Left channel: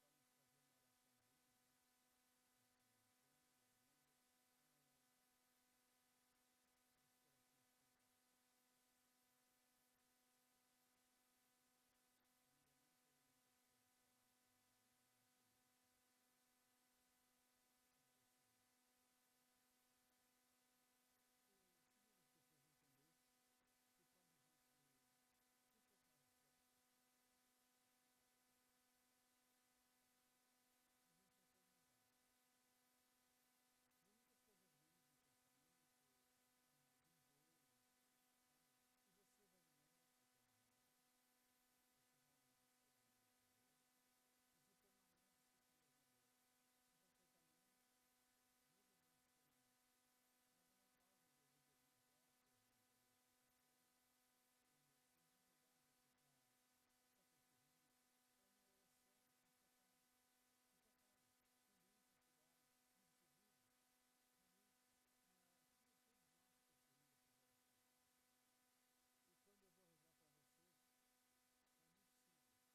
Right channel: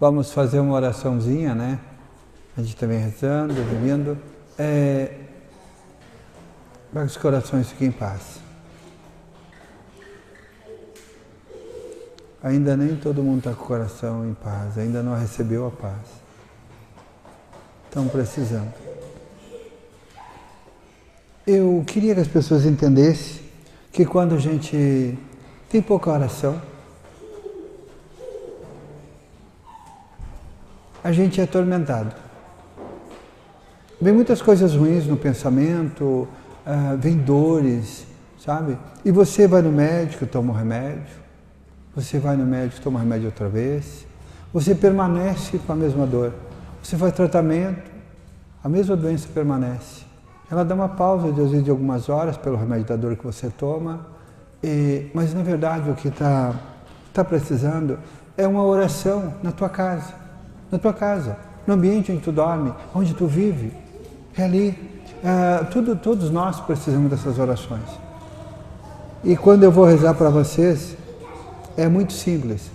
Vamos fazer uma oraçãozinha, né? A gente também rezando, dormindo. Para que os corações fiquem em paz. Ainda nem todo mundo está com o coração em paz, ainda não recebeu a paz. Estão precisando. Eu queria que as pessoas entendessem que quando a gente tem pouca oração, a gente é atormentado. Vem muitas coisas ruins no pensamento, vem dores, sabe? E você vai no médico, toma um remédio, você vai no médico, toma um remédio outra vez, você permanece com a mesma dor. Você faz tratamento, a mesma doença permanece. Ela dá uma pausa, às vezes, de algumas horas pelo remédio da dor que você toma, mas na verdade o que está precisando é uma oração na tua casa, no ambiente onde tu dorme, onde tu vive, é ali. Todos nós precisamos dessas orações. E quando eu vou rezar para vocês, é muito simples.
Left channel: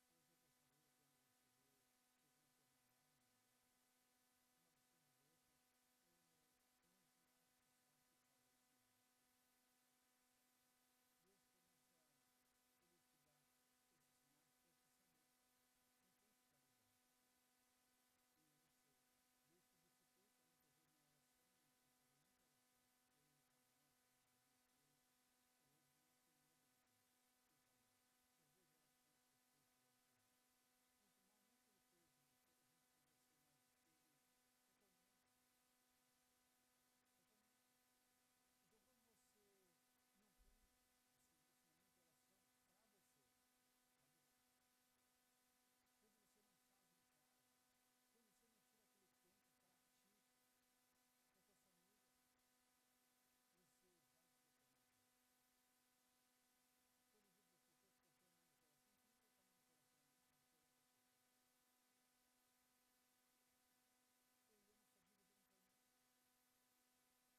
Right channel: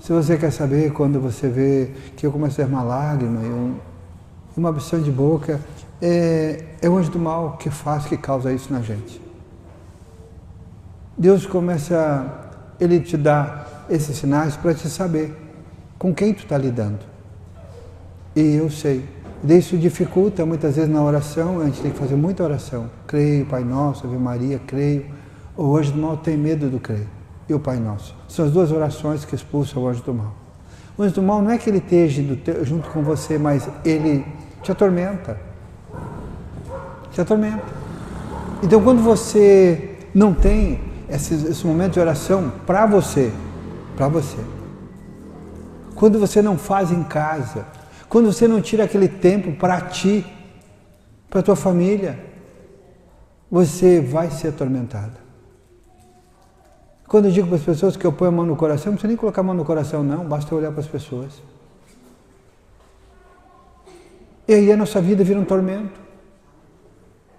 Se você quer saber, quando você vê que eu começo a ter uma lágrima e uma absão de boca, é o anjo do mal que causa isso na gente. Deus Ele te dá esses sinais para te saber com quem tu está lidando. E eu sei. Isso dificulta muitas vezes na oração, a gente tem que fazer muita oração. Creio, Pai Nosso, Ave Maria, creio. O anjo do mal tem medo do creio. E o Pai Nosso. São as duas orações que expulsam o anjo do mal. O anjo do mal não é que ele esteja junto com você, mas ele te atormenta. Te atormenta. Então quando você não tem esse momento de oração para você, quando você não faz em casa, quando você não tira aquele tempo para ti, para a tua família, você vai ser atormentada. Quando eu digo para as pessoas que eu ponho a mão no coração, não precisa nem colocar a mão no coração não, basta olhar para as pessoas. E aí a nossa vida vira um tormento.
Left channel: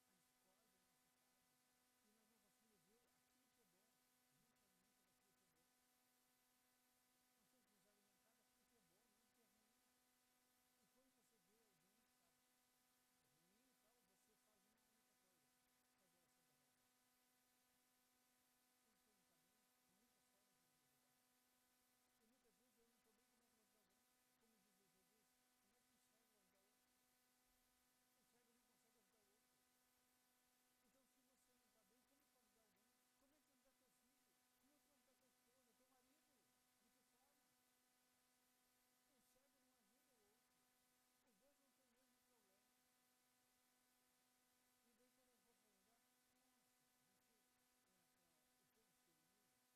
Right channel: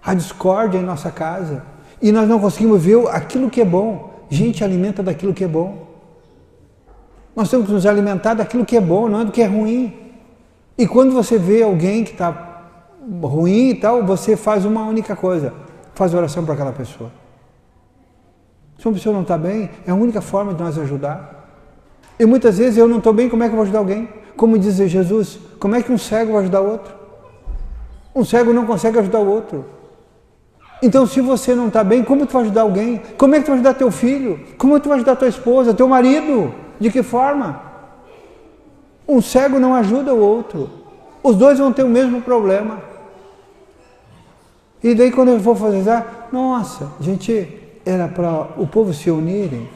A discórdia em nossa casa. E nós não conseguimos ver aquilo que é bom. Gente alimenta daquilo que é bom. Nós temos que nos alimentar daquilo que é bom, não é do que é ruim. E quando você vê alguém que está ruim e tal, você faz uma única coisa. Faz oração para aquela pessoa. Se uma pessoa não está bem, é a única forma de nós ajudar. E muitas vezes eu não estou bem, como é que eu vou ajudar alguém? Como diz Jesus, como é que um cego vai ajudar o outro? Um cego não consegue ajudar o outro. Então, se você não está bem, como tu vai ajudar alguém? Como é que tu vai ajudar teu filho? Como tu vai ajudar tua esposa, teu marido? De que forma? Um cego não ajuda o outro. Os dois vão ter o mesmo problema. E daí quando eu vou fazer, nossa, gente, era para o povo se unirem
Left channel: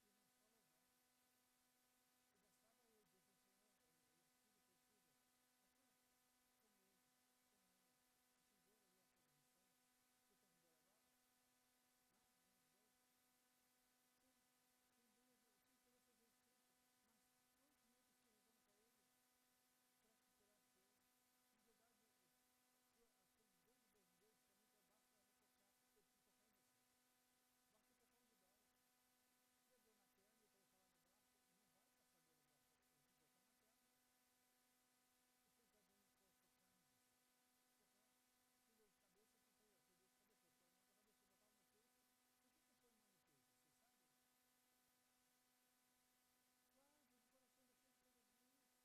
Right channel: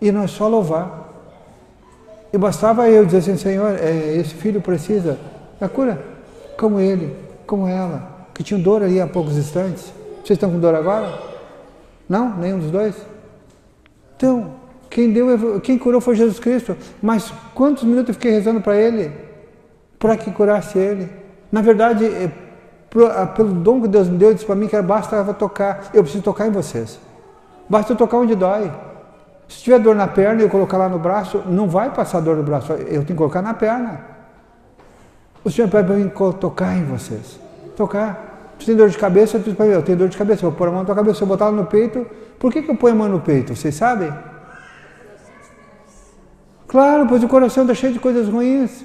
e nós só louvar. E bastava eu dizer assim, Senhor, esse filho precisa da cura, como ele, como ela, que tinham dor ali há poucos instantes. Vocês estão com dor agora? Não? Nenhum dos dois? Então, quem curou foi Jesus Cristo. Mas quantos minutos eu fiquei rezando para Ele? Para que curasse Ele? Na verdade, pelo dom que Deus me deu, disse para mim que basta tocar. Eu preciso tocar em vocês. Basta eu tocar onde dói. Se tiver dor na perna e eu colocar lá no braço, não vai passar dor no braço. Eu tenho que colocar na perna. O Senhor pede para mim tocar em vocês. Tocar. Se tem dor de cabeça, eu tenho dor de cabeça, eu vou pôr a mão na tua cabeça, se eu botar ela no peito, por que eu ponho a mão no peito? Vocês sabem? Claro, pois o coração está cheio de coisas ruins.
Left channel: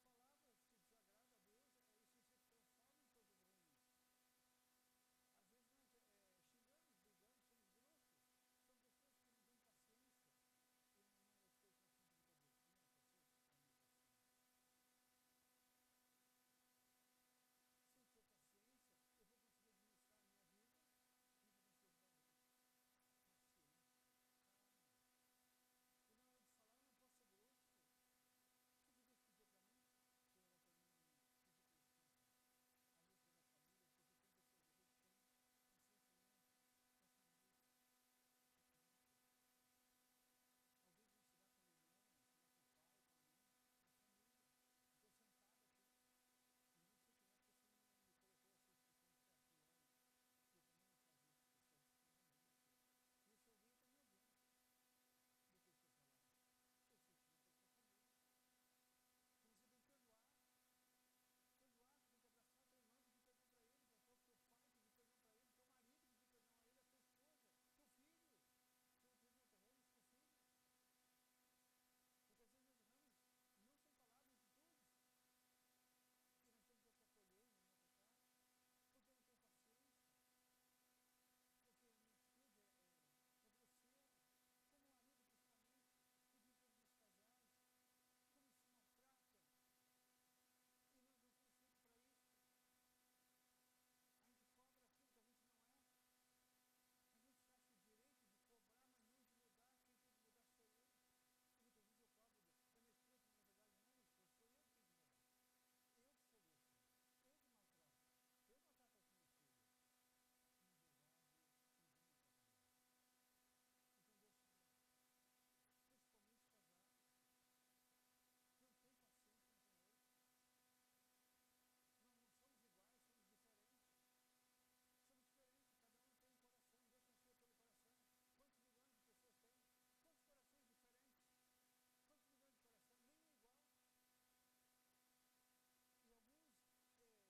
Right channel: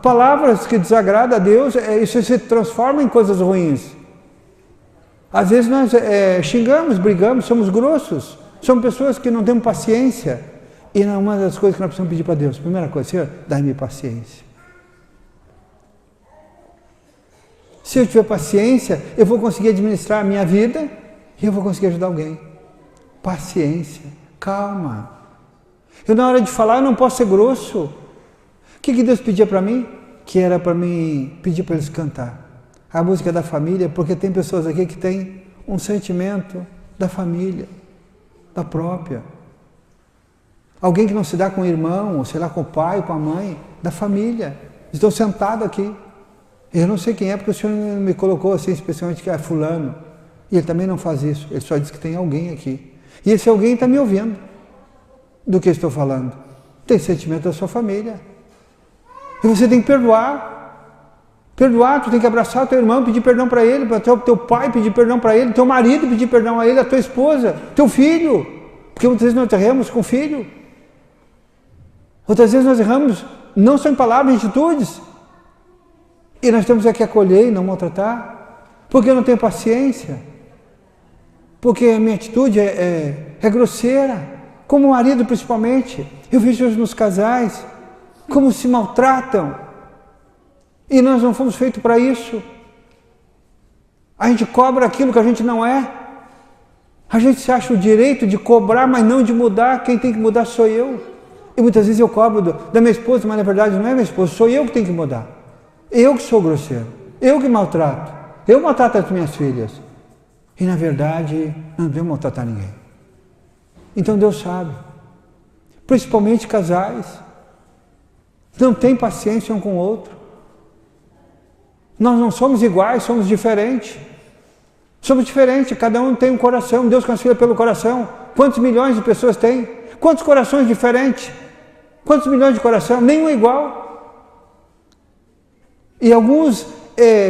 Palavras que desagradam a Deus, isso se transforma em coisas ruins. Às vezes nós xingamos, brigamos, somos grossos, somos pessoas que não temos paciência. E uma das coisas que nós precisamos pedir para Deus, primeira coisa, Senhor, dá-me paciência. Se eu tiver paciência, eu vou conseguir administrar a minha vida e eu vou conseguir ajudar alguém. Paciência, calma. Eu na hora de falar eu não posso ser grosso. O que Deus pedia para mim? Que era para mim pedir para eles cantar. A música da família, porque tem pessoas aqui que têm um sentimento da família, da própria. Alguém que não se dá com o irmão, ou sei lá, com o pai, com a mãe, da família. Estou sentado aqui. Eu não sei quem é, porque o Senhor me colocou assim, especialmente que é fulano. E ele também não faz isso. Ele só diz que tem alguém aqui. E esse alguém está me ouvindo do que eu estou falando. Tem sentimento da sua família. E você tem que perdoar. Perdoar, tu tem que abraçar o teu irmão, pedir perdão para ele, para o teu pai pedir perdão para ele, teu marido pedir perdão a ele, a tua esposa, teu filho. Porque muitas vezes nós erramos com o filho. Outras vezes nós erramos não só em palavras, em atitudes. E nós temos que acolher e não maltratar. Porque eu não tenho paciência. Porque a minha atitude é grosseira. Como marido principalmente. Eu vejo hoje nos casais como se maltratam. E nós não fomos feitos para isso. A gente cobra aquilo que a gente não é. A gente se acha o direito de cobrar, mas não de mudar. Quem tem que mudar sou eu. E muitas vezes eu cobro da minha esposa, mas na verdade não é minha esposa, sou eu que tenho que mudar. Eu que sou grosseiro. Eu que maltrato. Eu maltrato as minhas filhas. E na verdade não devo maltratar ninguém. Então Deus sabe. Principalmente casais. Não tem paciência um com o outro. Nós não somos iguais, somos diferentes. Somos diferentes, cada um tem um coração, Deus concebeu pelo coração. Quantos milhões de pessoas tem? Quantos corações diferentes? Quantos milhões de coração? Nenhum é igual. E alguns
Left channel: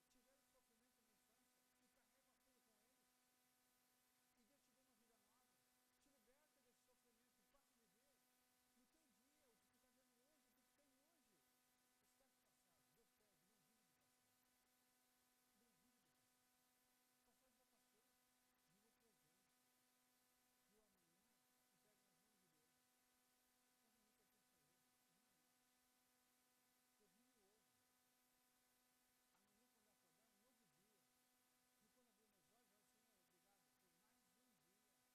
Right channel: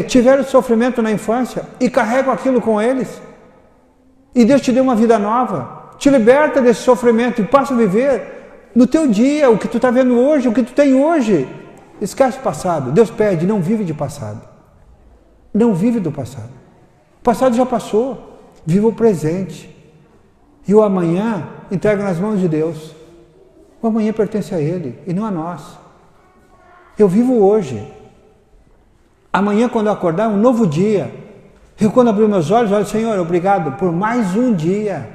tiveram sofrimento na infância e carregam aquilo com eles. E Deus te deu uma vida nova. Te liberta desse sofrimento e passa a viver no teu dia, o que tu está vendo hoje, o que tu tem hoje. Esquece o passado. Deus pede, não vive de passado. Não vive do passado. O passado já passou. Viva o presente. E o amanhã entrega nas mãos de Deus. O amanhã pertence a Ele e não a nós. Eu vivo hoje. Amanhã, quando eu acordar, é um novo dia. Eu, quando abrir meus olhos, olho, Senhor, obrigado por mais um dia.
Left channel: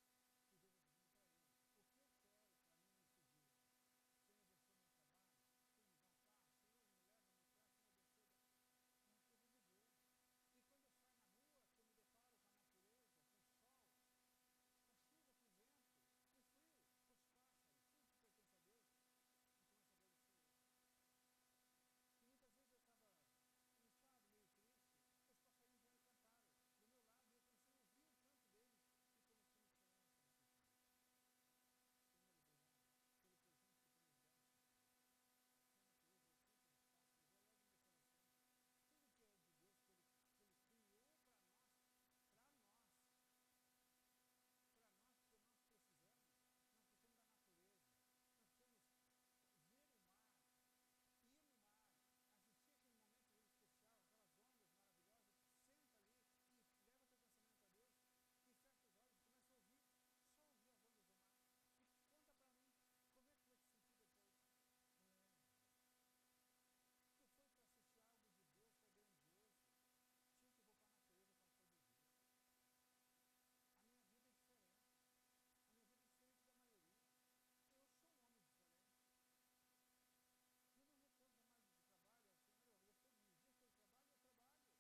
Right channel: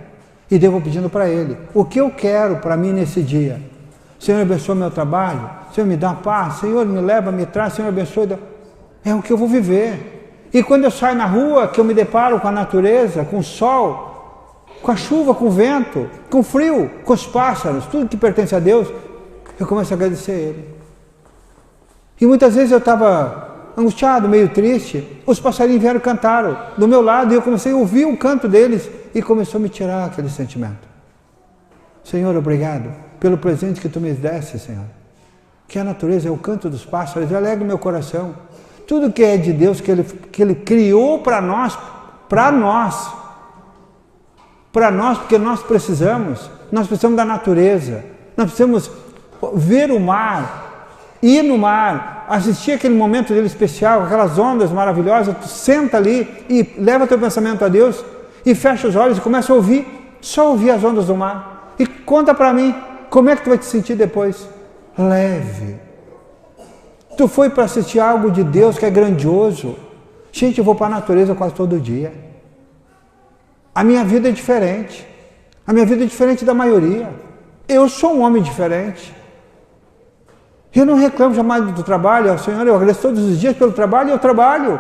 E devo pedindo para Ele. O que eu quero para mim nesse dia? Senhor, abençoa meu trabalho. Senhor, me dá paz. Senhor, me leva, me traz. Senhor, abençoa. É o que eu vou viver. E quando eu saio na rua, que eu me deparo com a natureza, com o sol, com a chuva, com o vento, com o frio, com os pássaros, tudo que pertence a Deus, eu começo a agradecer a Ele. E muitas vezes eu estava angustiado, meio triste, os passarinhos vieram cantar do meu lado e eu comecei a ouvir o canto deles e começou a me tirar aquele sentimento. Senhor, obrigado pelo presente que Tu me deste, Senhor. Que a natureza é o canto dos pássaros, alegra o meu coração. Tudo que é de Deus, que Ele criou para nós, porque nós precisamos da natureza, nós precisamos ver o mar, ir no mar, assistir aquele momento dele especial, aquelas ondas maravilhosas, tu senta ali e leva teu pensamento a Deus e fecha os olhos e começa a ouvir, só ouvir as ondas do mar. E conta para mim, como é que tu vai te sentir depois? Leve. Tu foi para assistir algo de Deus que é grandioso. Gente, eu vou para a natureza quase todo dia. A minha vida é diferente. A minha vida é diferente da maioria. Eu sou um homem diferente. Eu não reclamo jamais do trabalho. Senhor, eu agradeço todos os dias pelo trabalho e eu trabalho.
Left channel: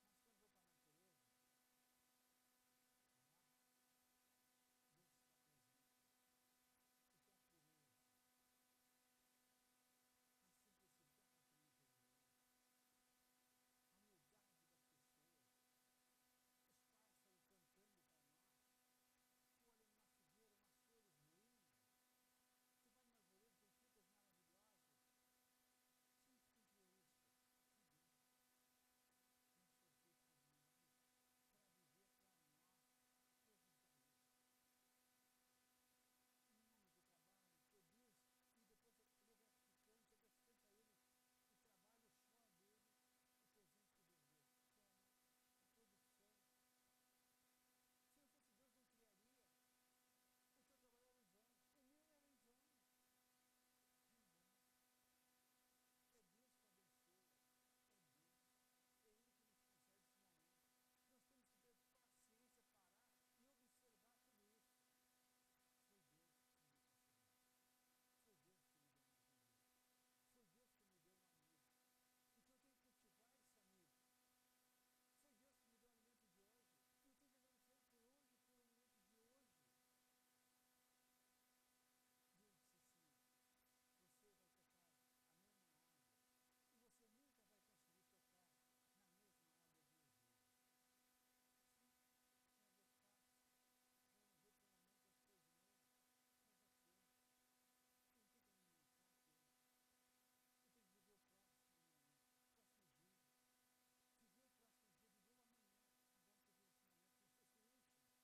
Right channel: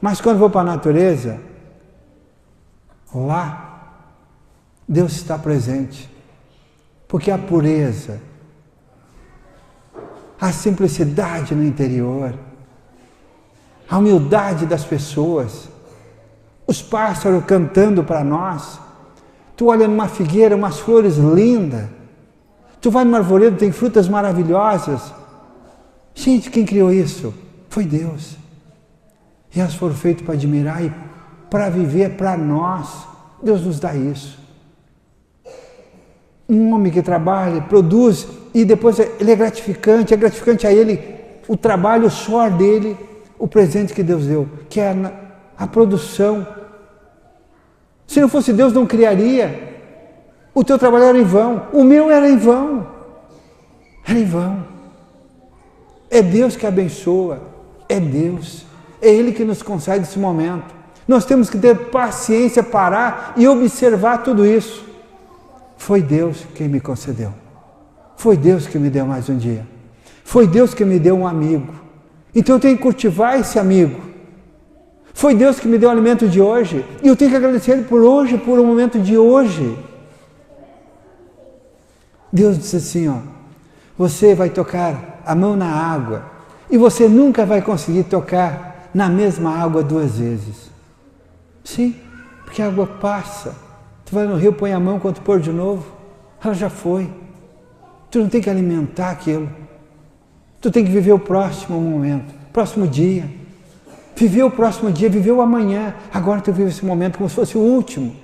Mas quando vou para a natureza, lá, Deus está presente. Porque a pureza, a simplicidade no interior, a humildade das pessoas, os pássaros cantando para nós. Tu olha numa figueira, umas flores lindas. Tu vai numa arvoredo, tem frutas maravilhosas. Gente, quem criou isso? Foi Deus. E elas foram feitas para admirar e para viver para nós. Deus nos dá isso. Um homem que trabalha, produz, e depois ele é gratificante a ele o trabalho, o suor dele, o presente que Deus deu, que é a produção. Se não fosse Deus, não criaria. O teu trabalho era em vão, o meu era em vão. Era em vão. É Deus que abençoa, é Deus. É Ele que nos concede esse momento. Nós temos que ter paciência, parar e observar tudo isso. Foi Deus quem me concedeu. Foi Deus que me deu mais um dia. Foi Deus que me deu um amigo. Então eu tenho que cultivar esse amigo. Foi Deus que me deu o alimento de hoje. E eu tenho que agradecer Ele por hoje, por o momento de hoje. Deus disse assim, ó, você vai tocar a mão na água e você nunca vai conseguir tocar na mesma água duas vezes. Sim, porque a água passa. Tu vai no rio, põe a mão, quando tu pôr de novo, ela já foi. Tu não tem que alimentar aquilo. Tu tem que viver o próximo momento, próximo dia. Viver o próximo dia, viver o amanhã. Agora tu vive esse momento como se fosse o último.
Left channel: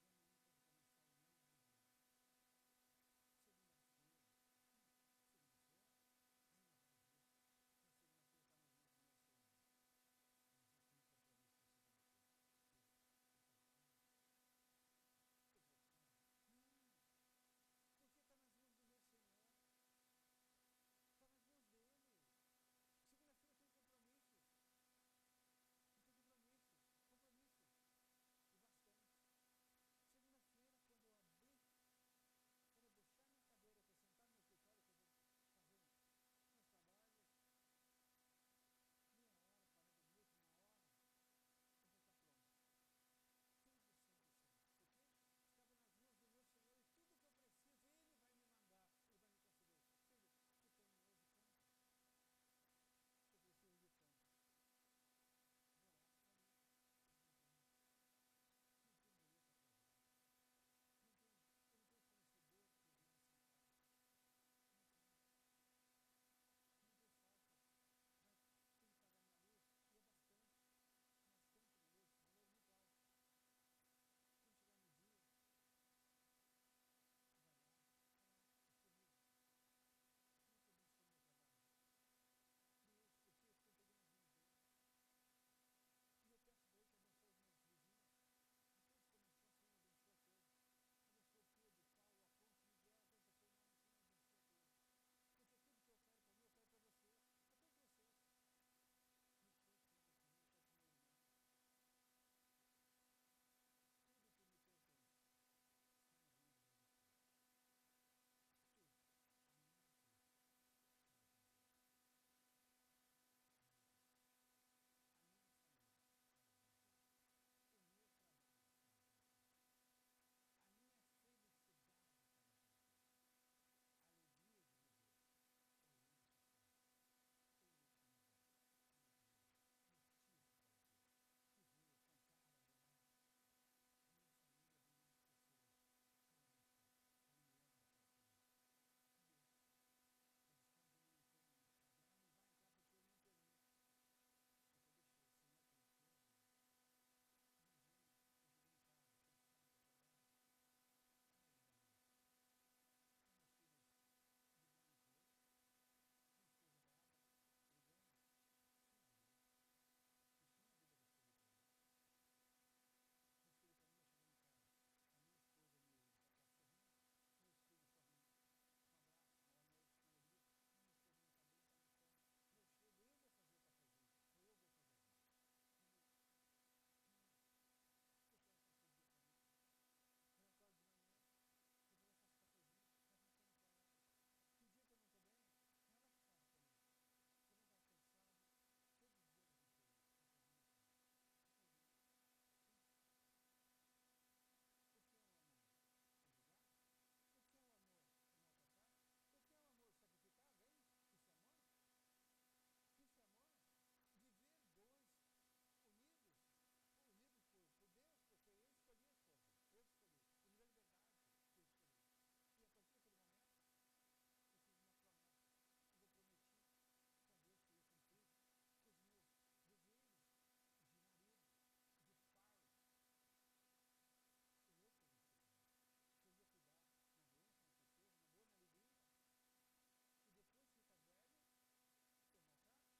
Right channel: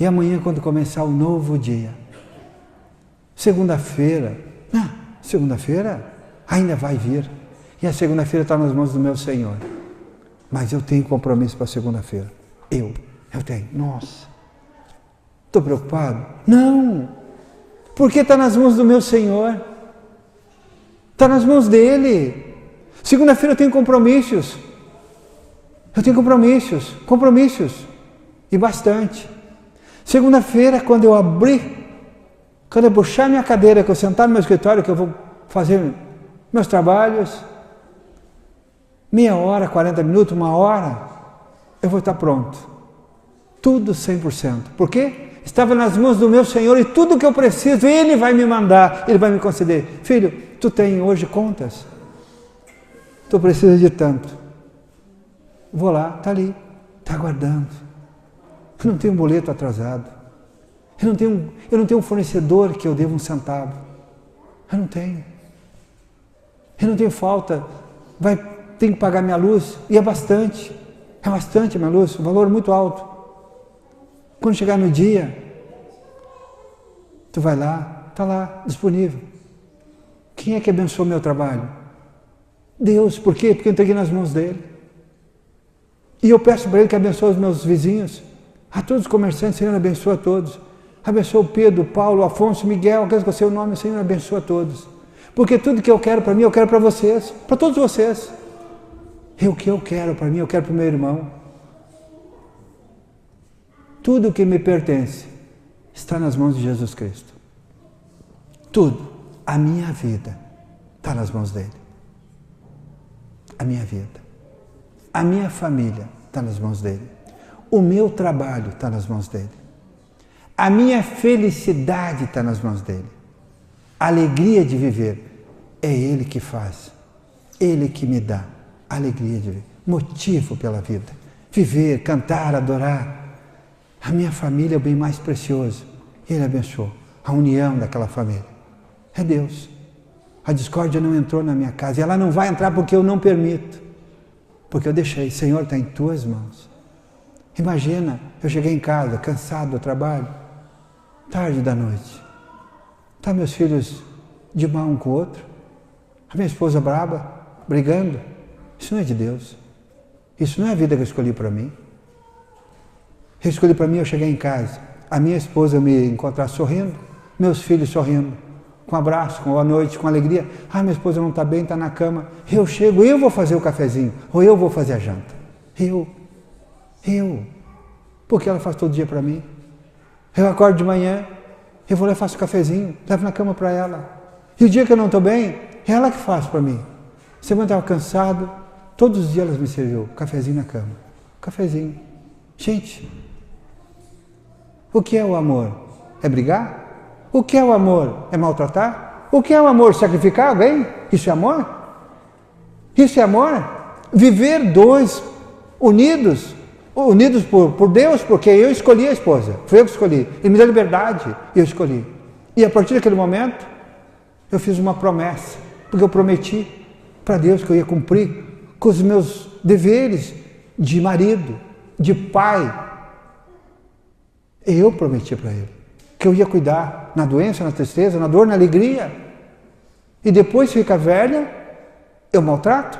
E amanhã, quando começar o novo dia. Segunda-feira ainda vai vir. E a segunda-feira está nas mãos do meu Senhor. Mas eu tenho compromisso para segunda-feira. Eu tenho. Nossa. Estou preocupado? Não. Porque está nas mãos do meu Senhor. Está nas mãos dele. Segunda-feira eu tenho compromissos. Compromissos. E bastante. Segunda-feira, quando eu puxar minha cadeira, que eu sentar no meu escritório, que eu vou fazer meus trabalhos, meia hora, 40 minutos, uma hora, eu vou estar pronto. Tudo 100%. Por quê? Estava nas mãos do meu Senhor e tudo que eu preciso, Ele vai me mandar, Ele vai me conceder. Filho, tu tem hoje contas? Tu precisa de tanto. Vou lá, está ali, está aguardando. Eu não tenho um boleto atrasado. Eu não tenho um fornecedor que eu devo um centavo. Eu não tenho. Eu não tenho falta. Tenho que pagar minha luz. E é bastante. É bastante minha luz, um valor muito alto. Quando chegar no dia, tu vai lá, está lá, disponível. Quem é que abençoou meu trabalho? Deus. Por quê? Porque eu entreguei nas mãos dele. E eu peço para ele que abençoe os meus vizinhos. A todos os comerciantes, Senhor, abençoa a todos. Abençoa o Pedro, Paulo, Afonso, Miguel, aqueles que eu sei o nome, Senhor, abençoa a todos. Porque tudo que eu quero para mim, eu quero para vocês, para todos vocês. E o que eu quero para mim, eu quero para o meu irmão. Tudo que me pertence está nas mãos de Jesus Cristo. Tudo. A minha vida está nas mãos dele. A minha vida. A minha família está nas mãos dele. O meu trabalho está nas mãos dele. A minha felicidade está nas mãos dele. A alegria de viver é ele que faz. Ele que me dá a alegria de viver. Motivo pela vida. Viver, cantar, adorar. A minha família é o bem mais precioso. Ele abençoou a união daquela família. É Deus. A discórdia não entrou na minha casa. E ela não vai entrar porque eu não permito. Porque eu deixei. Senhor, está em tuas mãos. Imagina, eu cheguei em casa, cansado do trabalho, tarde da noite. Tá meus filhos de mal um com o outro. A minha esposa braba, brigando. Isso não é de Deus. Isso não é a vida que eu escolhi para mim. Eu escolhi para mim, eu cheguei em casa, a minha esposa me encontrar sorrindo, meus filhos sorrindo, com abraço, com boa noite, com alegria. Ah, minha esposa não está bem, está na cama. Eu chego, eu vou fazer o cafezinho, ou eu vou fazer a janta. Eu. Porque ela faz todo dia para mim. Eu acordo de manhã, eu vou lá e faço o cafezinho, levo na cama para ela. E o dia que eu não estou bem, é ela que faz para mim. Semana estava cansado, todos os dias ela me serviu cafezinho na cama. Cafezinho. Gente, o que é o amor? É brigar? O que é o amor? É maltratar? O que é o amor? Sacrificar alguém? Isso é amor? Isso é amor? Viver dois unidos por Deus, porque eu escolhi a esposa, foi eu que escolhi, Ele me deu liberdade, eu escolhi. E a partir daquele momento, eu fiz uma promessa, porque eu prometi para Deus que eu ia cumprir com os meus deveres de marido, de pai. Eu prometi para Ele que eu ia cuidar na doença, na tristeza, na dor, na alegria. E depois, se fica velha, eu maltrato,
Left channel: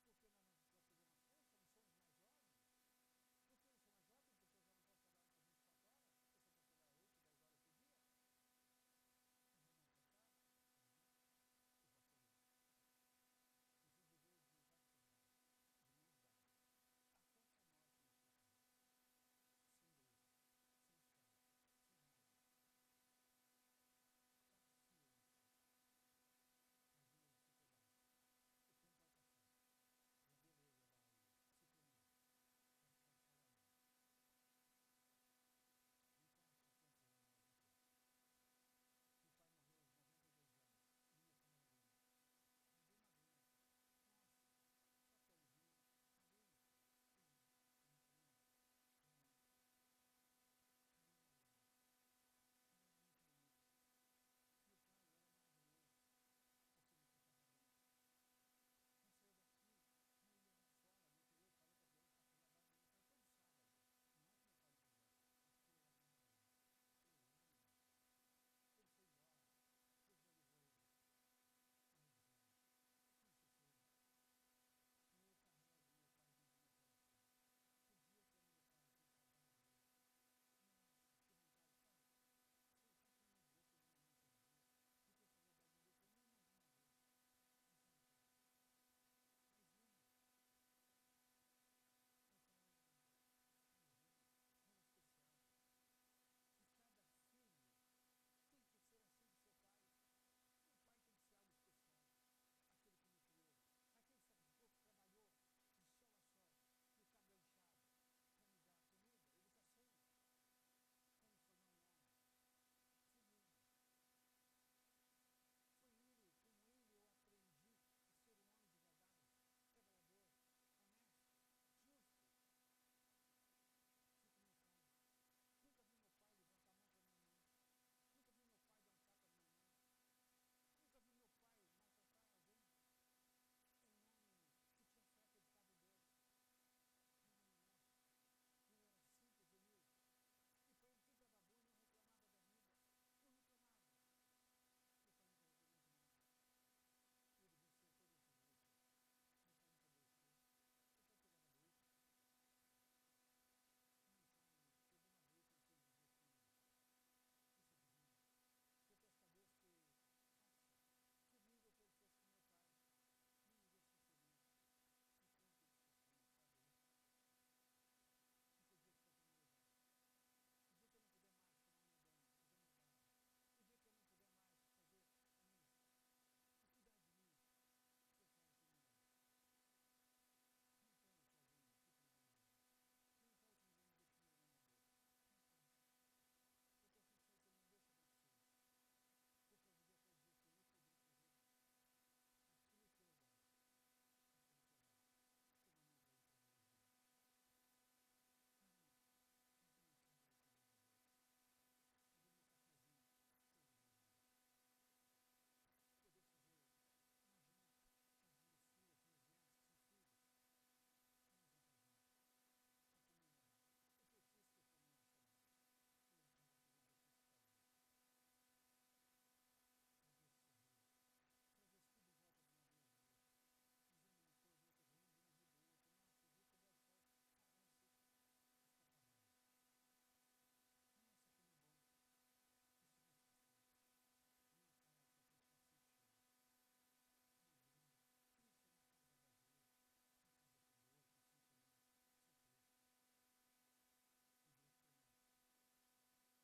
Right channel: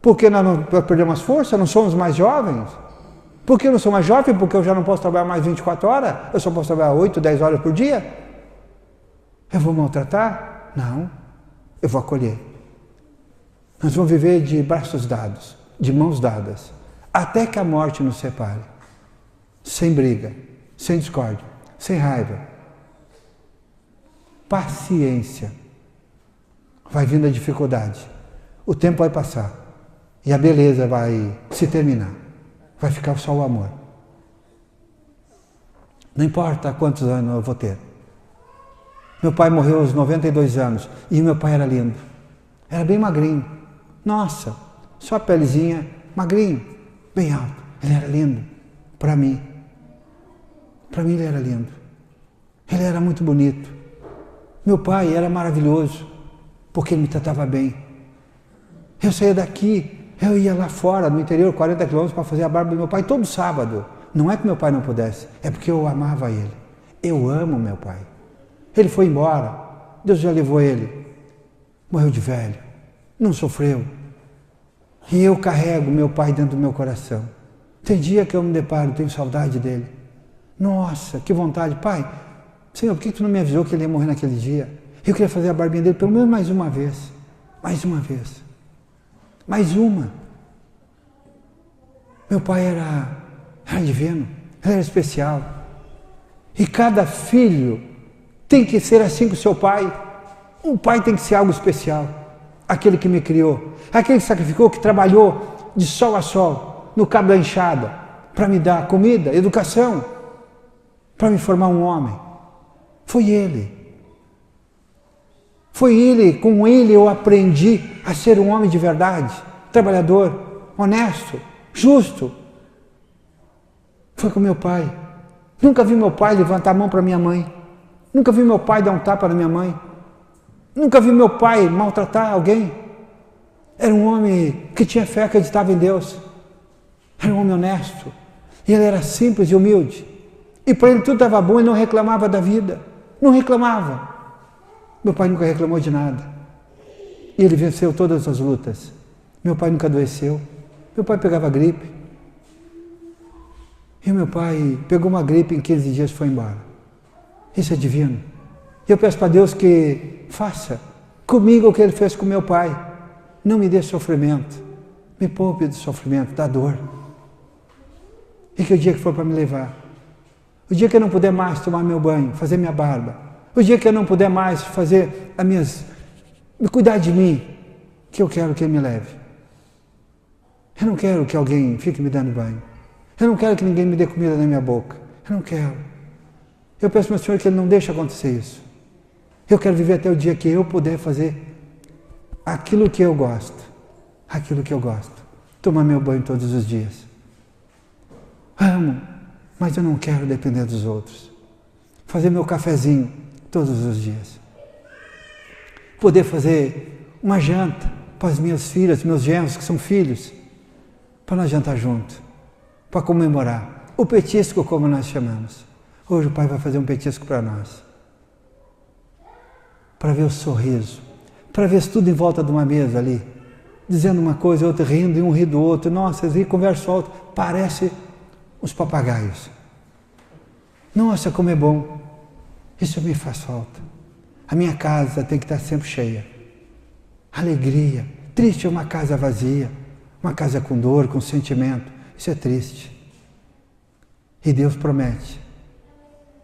porque nós não perdemos as forças, não somos mais jovens. Por que eu não sou mais jovem? Porque eu já não posso trabalhar mais 24 horas, eu só posso trabalhar 8, 10 horas por dia. Eu vou maltratar? Não, eu vou acolher. Nós vamos viver de braços dados, de mãos dadas, até que a morte nos separe. Sem briga, sem discórdia, sem raiva. Paciência. Vai vindo a dificuldade, o tempo vai passar e a beleza vai se terminar. Vai ficar só o amor. Não importa quantos anos eu vou ter. Meu pai morreu aos 92 anos e meu pai era lindo. Era bem magrinho. Nossa, só a pelezinha, magrinho, bem alto. Ele era lindo para mim. Para mim ele era lindo. Ele era muito bonito. Meu pai era maravilhoso. porque ele me tratava bem. Eu saía daqui, eu ia lá fora, no interior, 40 quilômetros, para fazer a barba do meu pai todo sábado. Não é que meu pai não pudesse, é porque eu amava ele. Eu amo meu pai. Ele foi embora, Deus já levou ele. Morreu de velho, não sofreu. E eu carrego meu pai dentro do meu coração. Tem dia que eu me deparo, tenho saudade dele. Nossa, que vontade. Pai, Senhor, por que tu não me avisou que ele ia morrer naquele dia? Eu queria fazer a barbinha dele pelo menos mais uma vez. Mais uma vez. Mais uma. Meu pai era divino, ele era especial. E cada filho tem que ser assim com o seu pai. Um pai tem que ser algo especial. Aquele que me criou, aquele que sacrificou, que trabalhou de sol a sol, no cabo da enxada, para me dar comida, educação, para me formar um homem. Foi ele. Foi ele, com ele eu aprendi a ser um homem de verdade, trabalhador, honesto, justo. Foi com meu pai. Nunca vi meu pai levantar a mão para minha mãe. Nunca vi meu pai dar um tapa na minha mãe. Nunca vi meu pai maltratar alguém. Era um homem que tinha fé, acreditava em Deus. Era um homem honesto. E ele era simples e humilde. E para ele tudo estava bom e não reclamava da vida. Não reclamava. Meu pai nunca reclamou de nada. E ele venceu todas as lutas. Meu pai nunca adoeceu. Meu pai pegava gripe. E meu pai pegou uma gripe em 15 dias e foi embora. Isso é divino. E eu peço para Deus que faça comigo o que Ele fez com meu pai. Não me dê sofrimento. Me poupe do sofrimento, da dor. E que o dia que for para me levar, o dia que eu não puder mais tomar meu banho, fazer minha barba, o dia que eu não puder mais fazer me cuidar de mim, que eu quero que Ele me leve. Eu não quero que alguém fique me dando banho. Eu não quero que ninguém me dê comida na minha boca. Eu não quero. Eu peço ao meu Senhor que Ele não deixe acontecer isso. Eu quero viver até o dia que eu puder fazer aquilo que eu gosto. Aquilo que eu gosto. Tomar meu banho todos os dias. Amo, mas eu não quero depender dos outros. Fazer meu cafezinho todos os dias. Poder fazer uma janta para as minhas filhas, meus genros que são filhos, para nós jantar junto, para comemorar. O petisco, como nós chamamos. Hoje o Pai vai fazer um petisco para nós. Para ver o sorriso, para ver tudo em volta de uma mesa ali, dizendo uma coisa, outra rindo, e um ri do outro. Nossa, eles conversam alto, parece os papagaios. Nossa, como é bom. Isso me faz falta. A minha casa tem que estar sempre cheia. Alegria. Triste é uma casa vazia, uma casa com dor, com sentimento. Isso é triste. E Deus promete,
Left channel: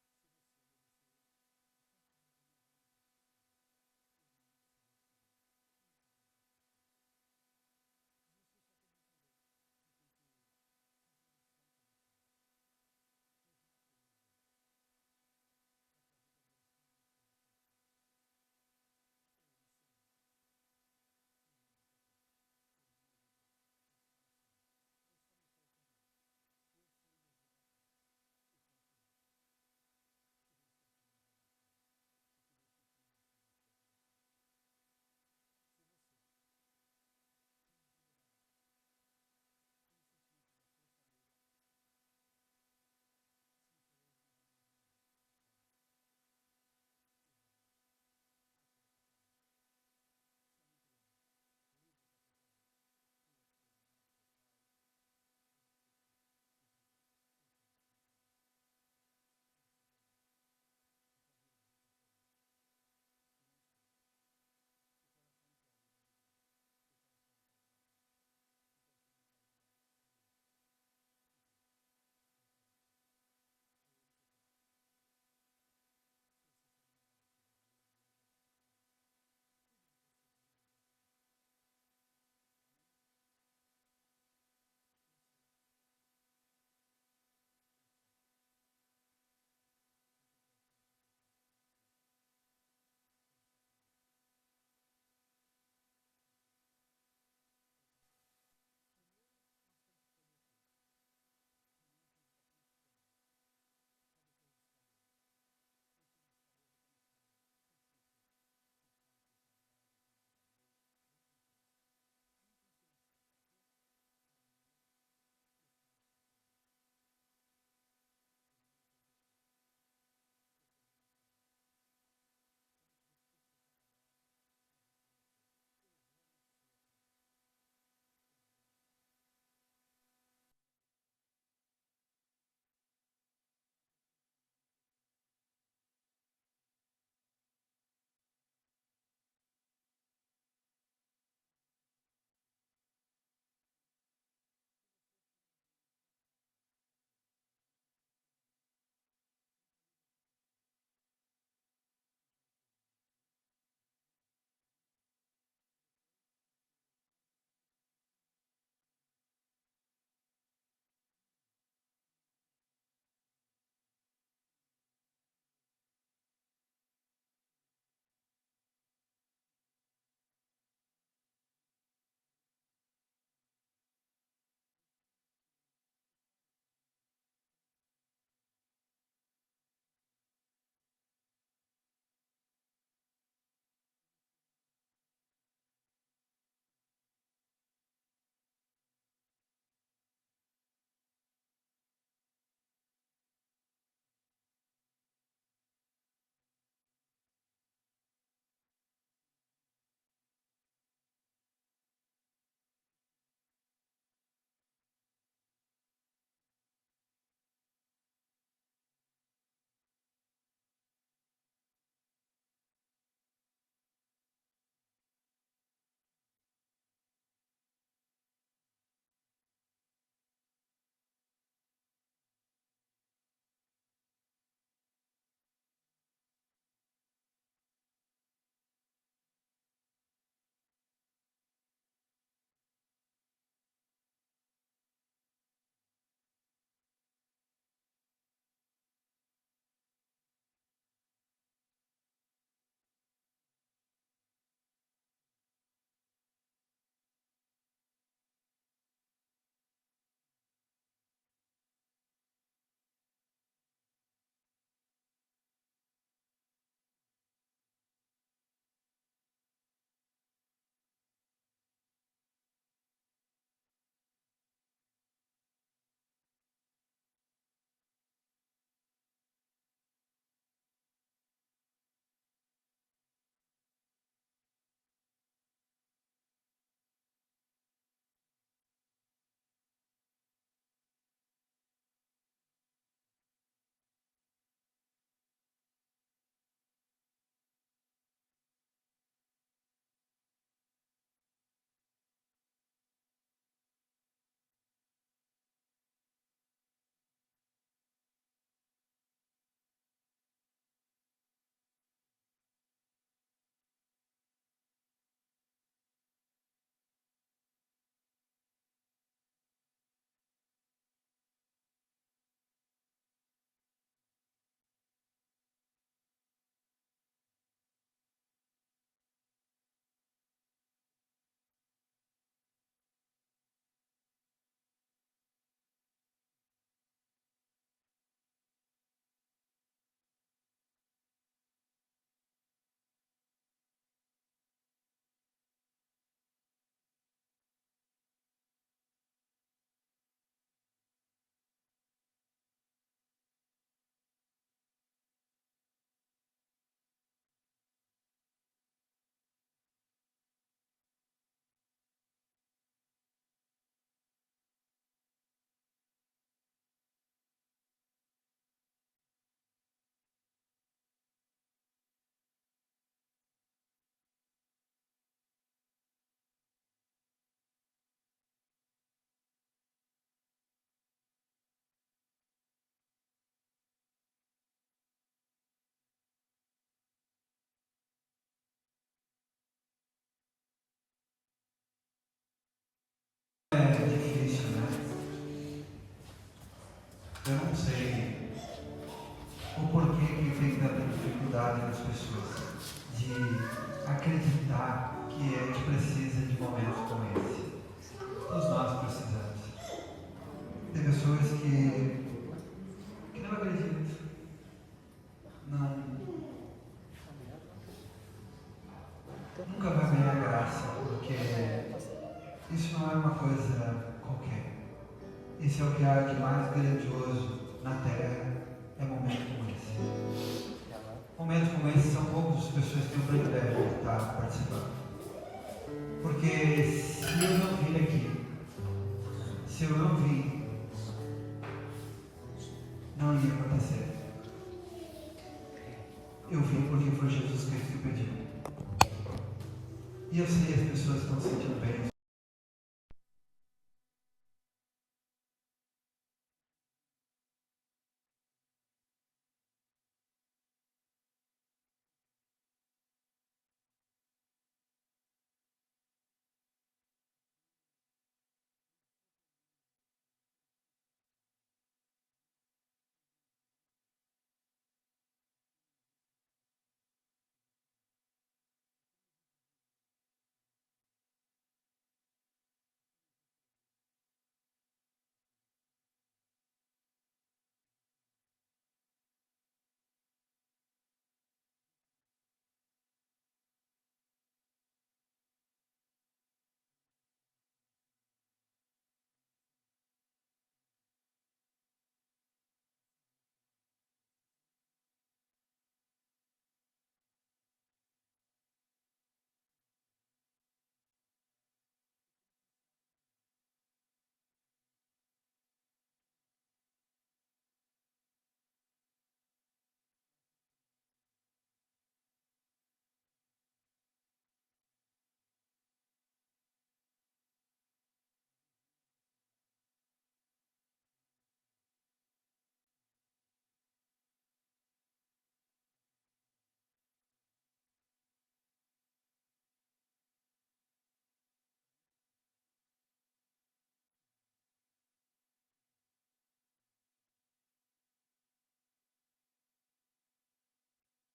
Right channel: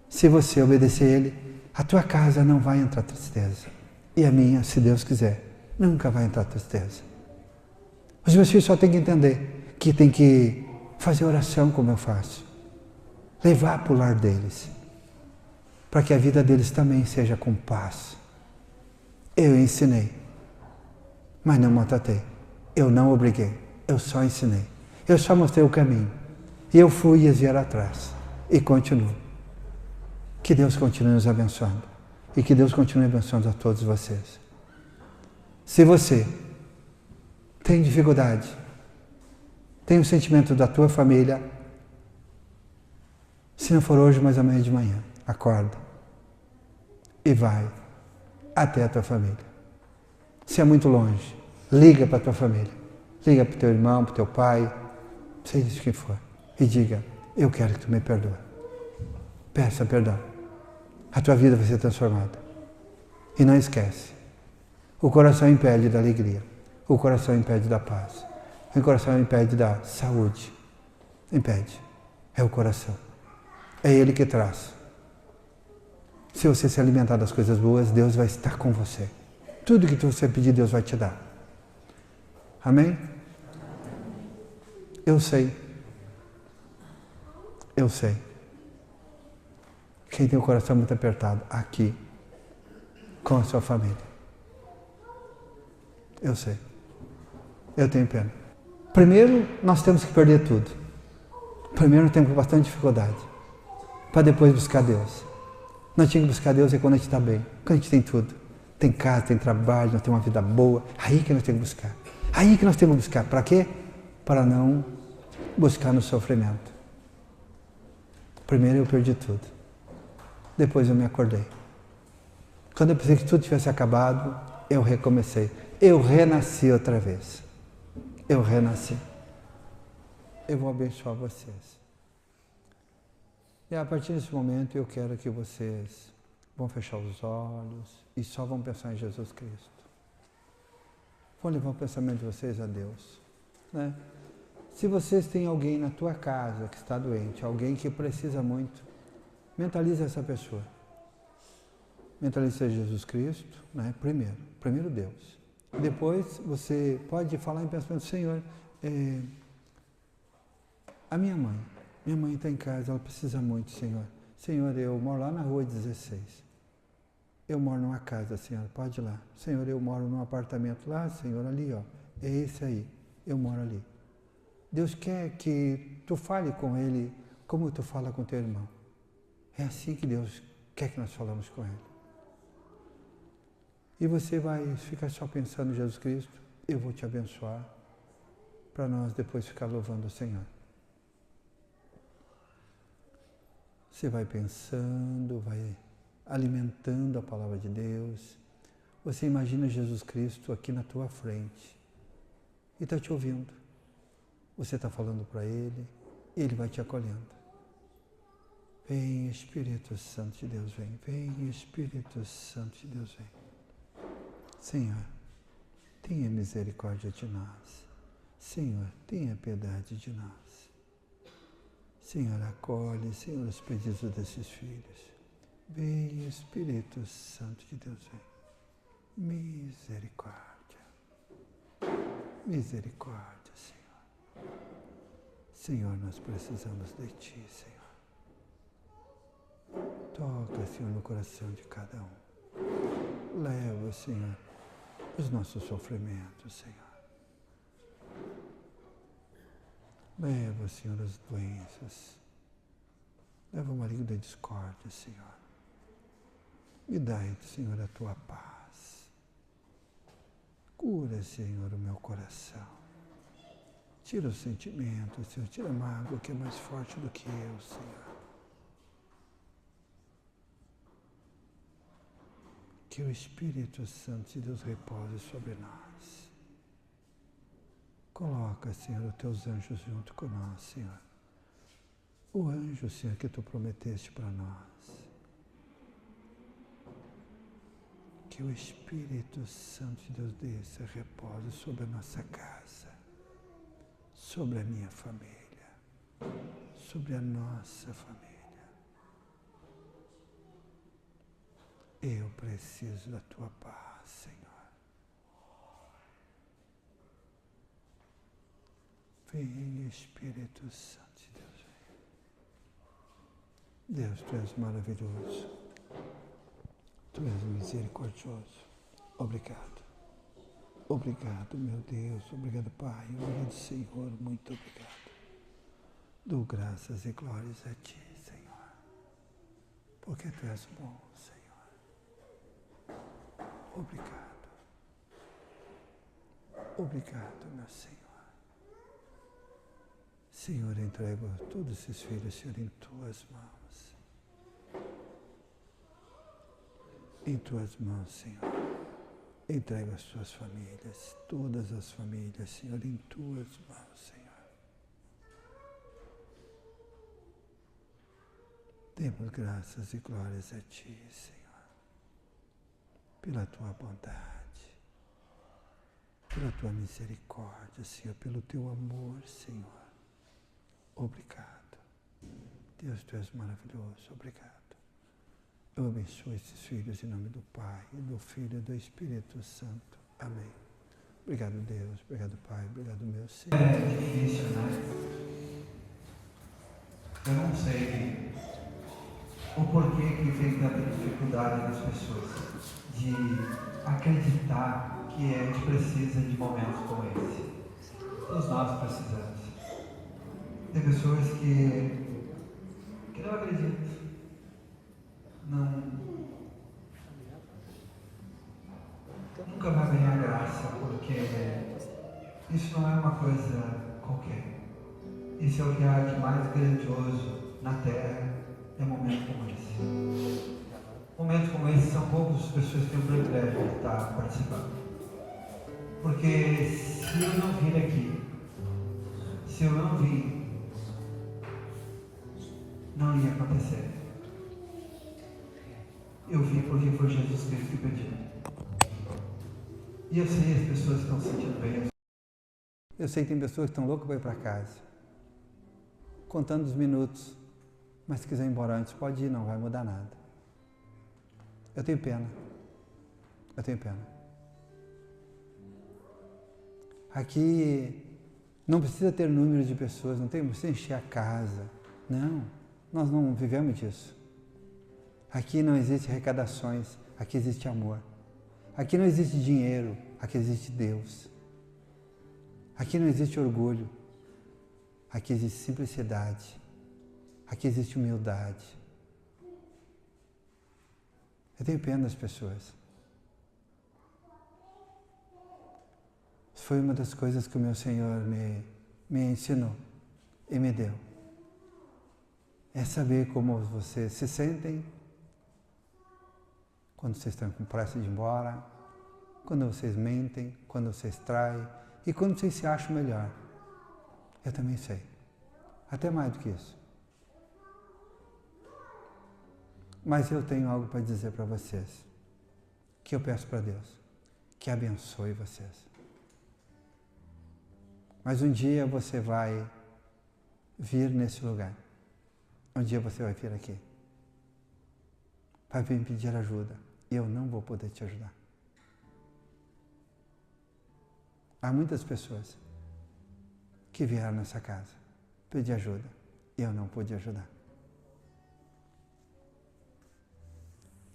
se você obedecer a Ele, a tua casa não vai entrar tristeza. E a minha, se Deus quiser, nunca vai entrar tristeza. Os meus filhos só têm que entender que tem que fazer oração como eu faço. Levar para o lar deles. Para que a vida deles também seja com paz. Eu ensinei, mas não maltratei. Eu não obriguei, eu só ensinei. Eu só mostrei o caminho. E eu fui e eles vieram atrás. E continuo. Que Deus continue nos abençoando. E que Deus continue abençoando a todos vocês. Se você tem dificuldade, tem um sentimento da tua família, se não for hoje, mas amanhã de manhã, acorda e vai até a tua família. Se é muito longe, liga para a tua família. Liga para o teu irmão, para o teu pai, seja quem for, e diga, eu quero que tu me perdoe. Peça perdão. A tua vida vai ser transformada. E não esquece, o coração impede da alegria, o coração impede da paz, o coração impede da saúde. Impede. É o coração. É Ele que traz. Se você se alimentar das coisas boas, Deus vai estar com você. Tudo que você pedir, Deus vai te dar. Amém? Eu sei. Eu sei. Quem tem o coração muito apertado, aqui, com a sua família. Eu sei. Eu tenho pena. Primeiro, nós temos que perder tudo. Primeiro, temos bastante dificuldade. Para depois buscar Deus. Nós tínhamos que buscar Deus é quando a gente está bem, quando a gente tem tudo. tem casa, tem trabalho, nós temos uma vida boa. Aí que nós temos que buscar. Aí que nós temos que buscar. Para quê? Para não buscar no sofrimento. Primeiro eu perdi tudo. Depois eu me acordei. Quando eu pensei que tudo tivesse acabado, eu recomecei. Eu renasci outra vez. Eu renasci. Eu vou abençoar vocês. E a partir desse momento eu quero que vocês vão fechar os olhos e só vão pensar em Jesus Cristo. Vão levar o pensamento de vocês a Deus. Né? Se vocês têm alguém na tua casa que está doente, alguém que precisa muito, mentalize essa pessoa. Mentalize Jesus Cristo, né? Primeiro Deus. Depois você pode falar em pensamento, Senhor, a minha mãe está em casa, ela precisa muito, Senhor. Senhor, eu moro lá na rua 16. Eu moro numa casa, Senhor, pode ir lá. Senhor, eu moro num apartamento lá, Senhor, ali, ó. É esse aí, eu moro ali. Deus quer que tu fale com ele como tu fala com teu irmão. É assim que Deus quer que nós falamos com ele. E você vai ficar só pensando em Jesus Cristo, eu vou te abençoar, para nós depois ficar louvando o Senhor. Você vai pensando, vai alimentando a palavra de Deus. Você imagina Jesus Cristo aqui na tua frente e está te ouvindo. Você está falando para Ele e Ele vai te acolhendo. Vem, Espírito Santo de Deus, vem. Vem, Espírito Santo de Deus, vem. Senhor, tenha misericórdia de nós. Senhor, tenha piedade de nós. Senhor, acolhe, Senhor, os pedidos desses filhos. Vem, Espírito Santo de Deus, vem. Misericórdia. Misericórdia, Senhor. Senhor, nós precisamos de Ti, Senhor. Toca, Senhor, no coração de cada um. Leva, Senhor, os nossos sofrimentos, Senhor. Leva, Senhor, as doenças. Leva o maligno da discórdia, Senhor. Me dai, Senhor, a Tua paz. Cura, Senhor, o meu coração. Tira os sentimentos, Senhor. Tira a mágoa que é mais forte do que eu, Senhor. Que o Espírito Santo de Deus repose sobre nós. Coloca, Senhor, os Teus anjos junto com nós, Senhor. O anjo, Senhor, que Tu prometeste para nós. Que o Espírito Santo de Deus desça e repose sobre a nossa casa, sobre a minha família, sobre a nossa família. Eu preciso da Tua paz, Senhor. Vem, Espírito Santo de Deus, vem. Deus, Tu és maravilhoso. Tu és misericordioso. Obrigado. Obrigado, meu Deus. Obrigado, Pai. Obrigado, Senhor. Muito obrigado. Dou graças e glórias a Ti, Senhor. Porque Tu és bom, Senhor. Obrigado. Obrigado, meu Senhor. Senhor, entrego todos esses filhos, Senhor, em Tuas mãos. Em Tuas mãos, Senhor. Entrego as Tuas famílias, todas as famílias, Senhor, em Tuas mãos, Senhor. Demos graças e glórias a Ti, Senhor, pela Tua bondade, pela Tua misericórdia, Senhor, pelo Teu amor, Senhor. Obrigado. Deus, Tu és maravilhoso. Obrigado. Eu abençoo esses filhos em nome do Pai, e do Filho e do Espírito Santo. Amém. Obrigado, Deus. Obrigado, Pai. Obrigado, meu Senhor. É difícil, né? Eu não sei o porquê que tem tanta dificuldade das pessoas de acreditar que a gente precisa de momentos como esse. Todos nós precisamos. Tem pessoas que não acreditam. coisa qualquer. Esse é o que há de mais grandioso na Terra, é momento como esse. Momentos como esse são poucas as pessoas que eu privilégio estar participando. Porque se eu não vir aqui, se eu não vir, não ia acontecer. Eu vim porque foi Jesus Cristo que pediu. E eu sei que as pessoas estão se sentindo bem. Eu sei que tem pessoas que estão loucas para ir para casa, contando os minutos, mas se quiser ir embora antes, pode ir, não vai mudar nada. Eu tenho pena. Eu tenho pena. Aqui não precisa ter número de pessoas, não precisa encher a casa. Não, nós não vivemos disso. Aqui não existe arrecadações, aqui existe amor. Aqui não existe dinheiro, aqui existe Deus. Aqui não existe orgulho, aqui existe simplicidade. Aqui existe humildade. Eu tenho pena das pessoas. Isso foi uma das coisas que o meu Senhor me ensinou e me deu. É saber como vocês se sentem quando vocês estão com pressa de ir embora, quando vocês mentem, quando vocês traem e quando vocês se acham melhor. Eu também sei. Até mais do que isso. Mas eu tenho algo para dizer para vocês, que eu peço para Deus, que abençoe vocês. Mas um dia você vai vir nesse lugar. Um dia você vai vir aqui. Vai vir pedir ajuda. Eu não vou poder te ajudar. Há muitas pessoas que vieram nessa casa pedir ajuda. Eu não pude ajudar.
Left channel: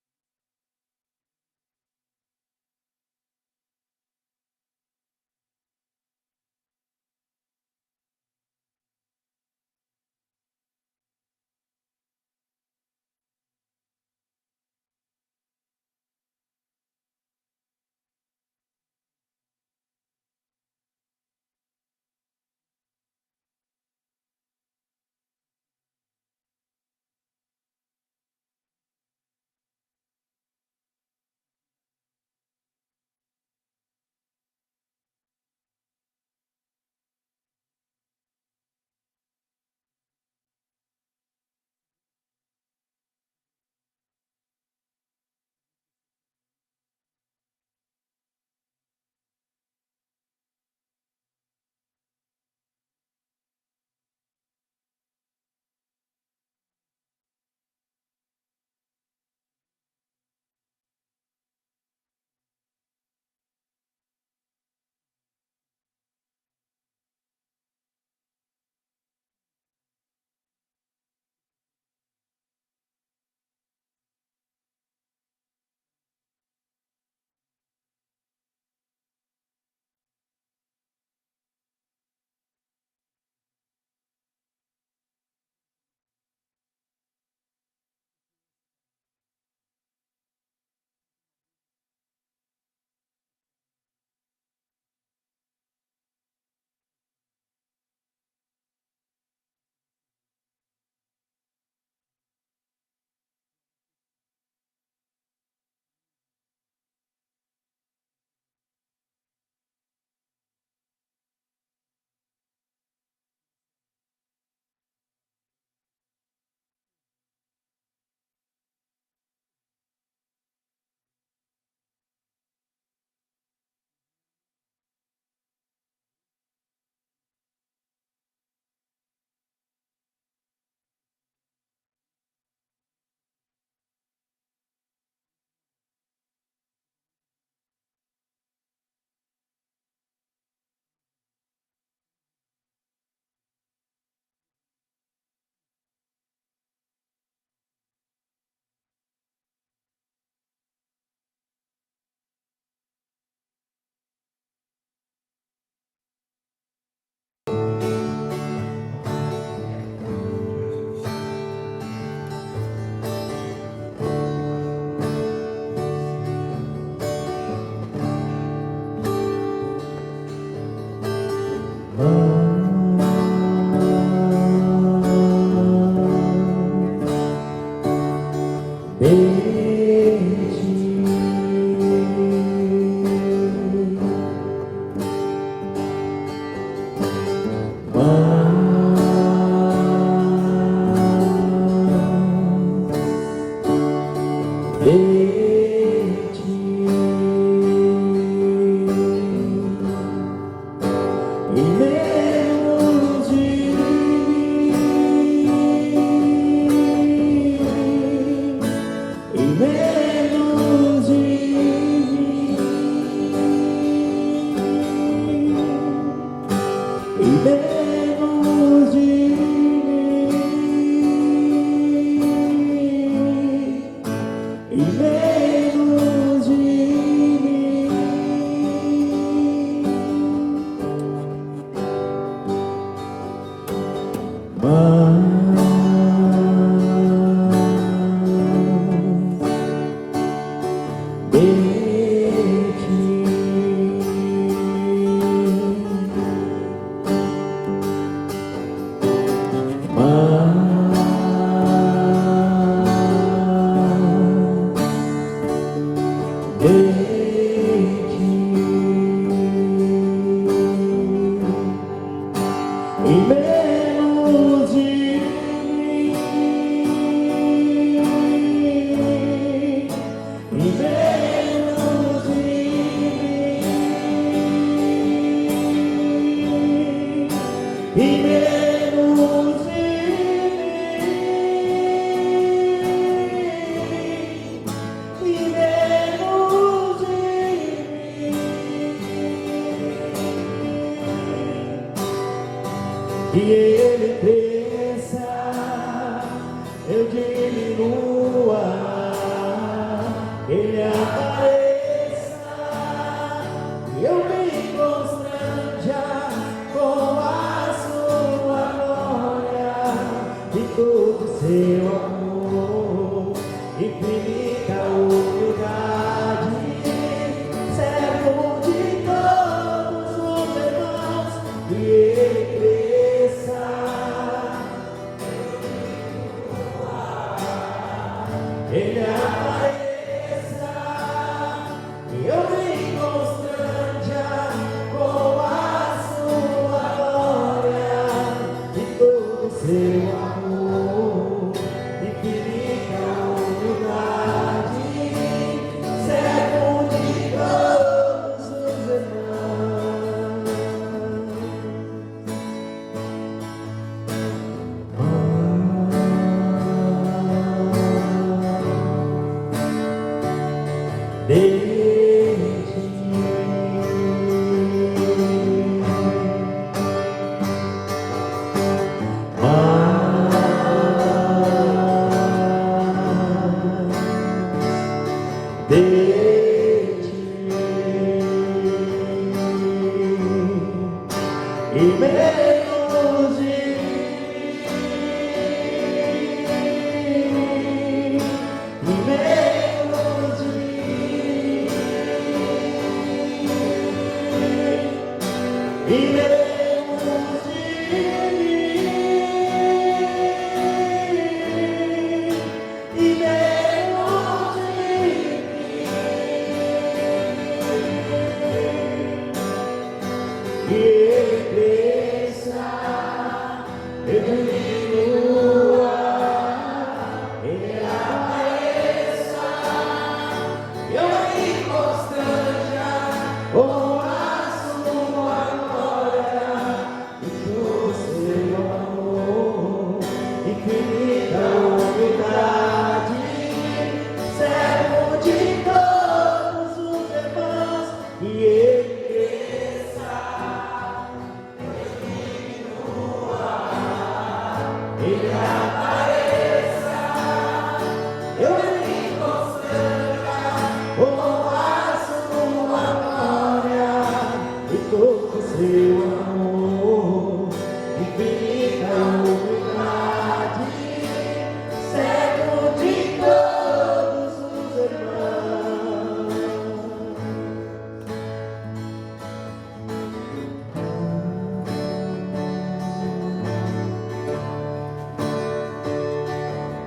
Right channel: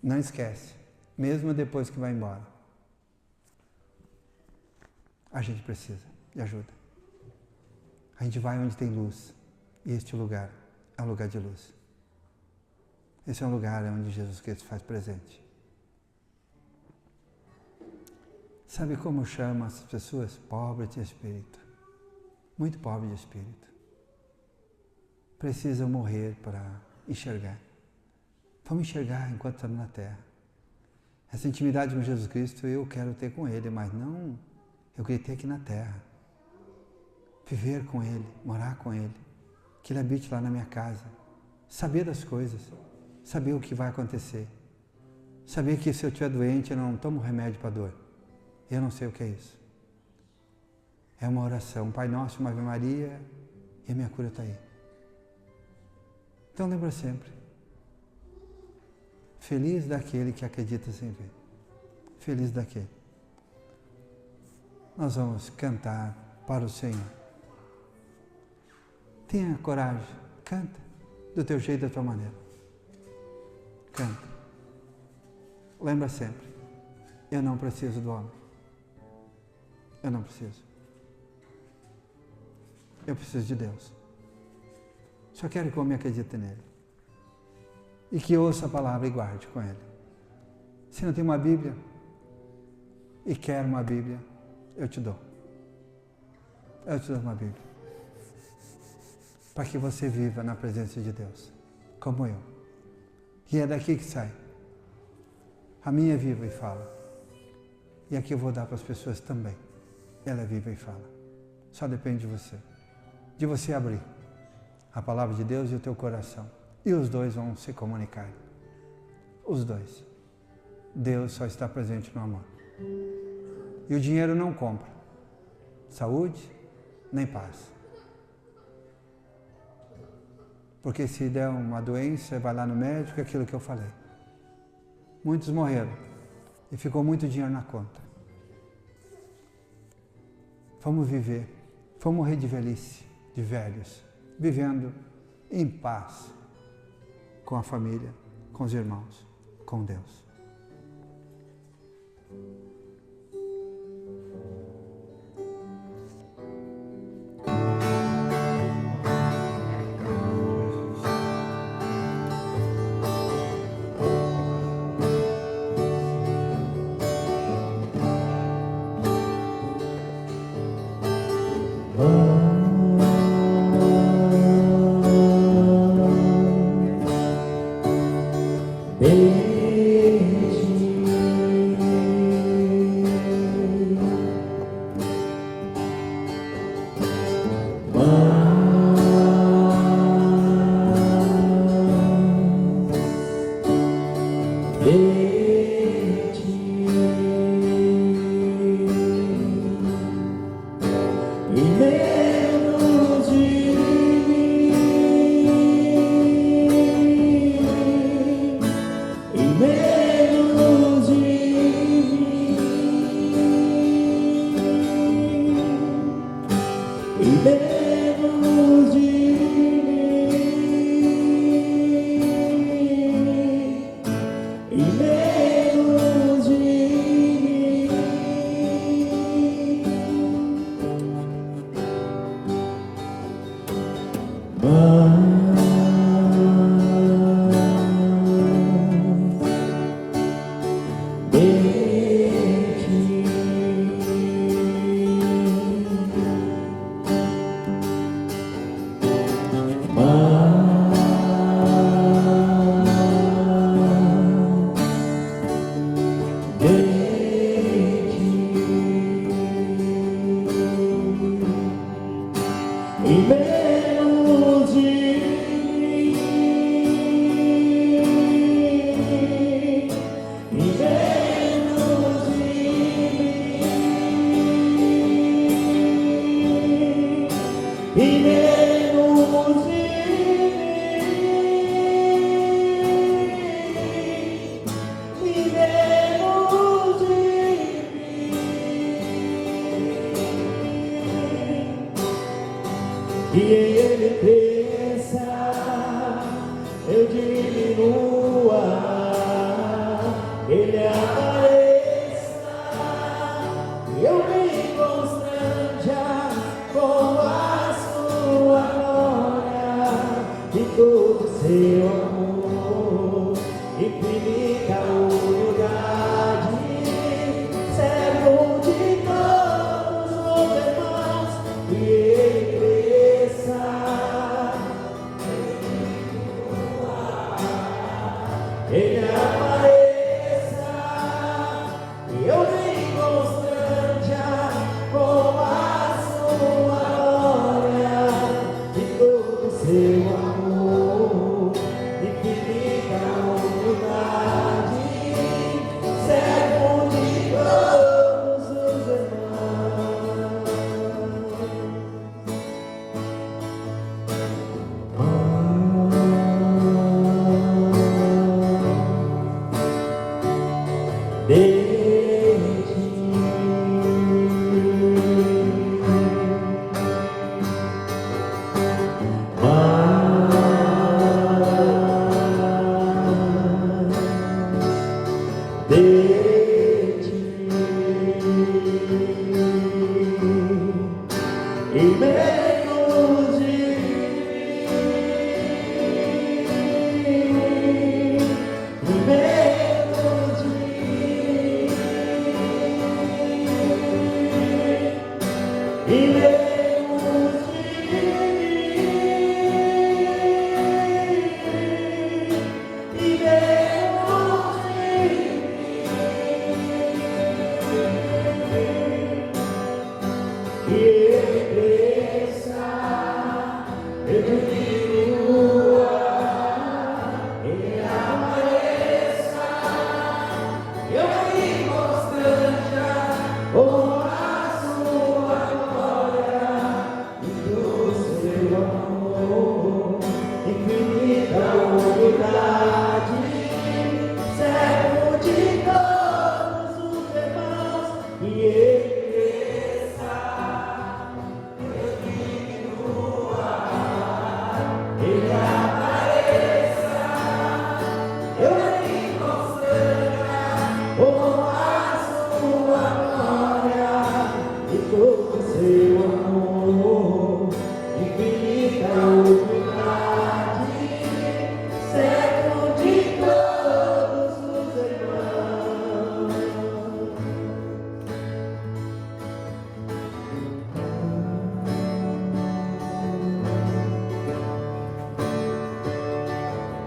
Não esquece, mesmo depois que vai embora, a gente precisa de ajuda. A gente vai onde tem luz, e este lugar é um lugar de luz. Esse é um lugar onde Jesus Cristo faz presente. Sabe como chama essas pessoas? Pobres de espírito. Muito pobres de espírito. Precisam morrer para enxergar. Vamos enxergar enquanto estamos na Terra. Essa intimidade com Jesus Cristo eu quero ter com Ele, mas não, eu queria ter aqui na Terra. Viver com Ele, morar com Ele, que Ele habite lá na minha casa. Saber das coisas, saber o que vai acontecer. Saber que se eu estiver doente eu não tomo remédio para dor. Eu não sei o que é isso. É uma oração, Pai Nosso, uma Ave Maria, e a minha cura está aí. Então lembra sempre. Feliz daquele que acredita sem ver. Feliz daquele. Nós vamos cantar para o Senhor. Tenha coragem. Canta. Do teu jeito, da tua maneira. Canta. Lembra sempre. Eu não preciso do homem. Eu não preciso. Eu preciso de Deus. Só quero que o homem acredite nele. E que ouça a palavra e guarde com ele. Se não tem uma Bíblia e quer uma Bíblia, eu te dou. Eu te dou uma Bíblia. Para que você viva na presença de Deus, como eu. E é daqui que sai. A minha é viva e fala. E aqui eu vou dar para as pessoas também. Ela é viva e fala. Só depende de você. De você abrir a palavra de Deus e o teu coração. E os dois vão se comunicar. Os dois. Deus só está presente no amor. E o dinheiro não compra saúde nem paz. Porque se der uma doença, vai lá no médico, é aquilo que eu falei. Muitos morreram e ficou muito dinheiro na conta. Vamos viver, vamos morrer de velhice, de velhos, vivendo em paz com a família, com os irmãos, com Deus.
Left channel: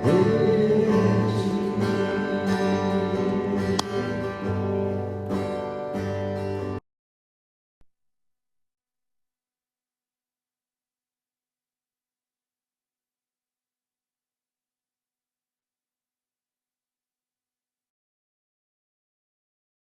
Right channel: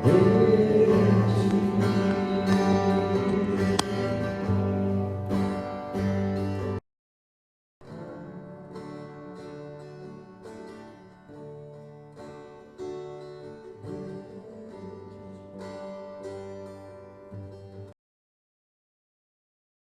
Ele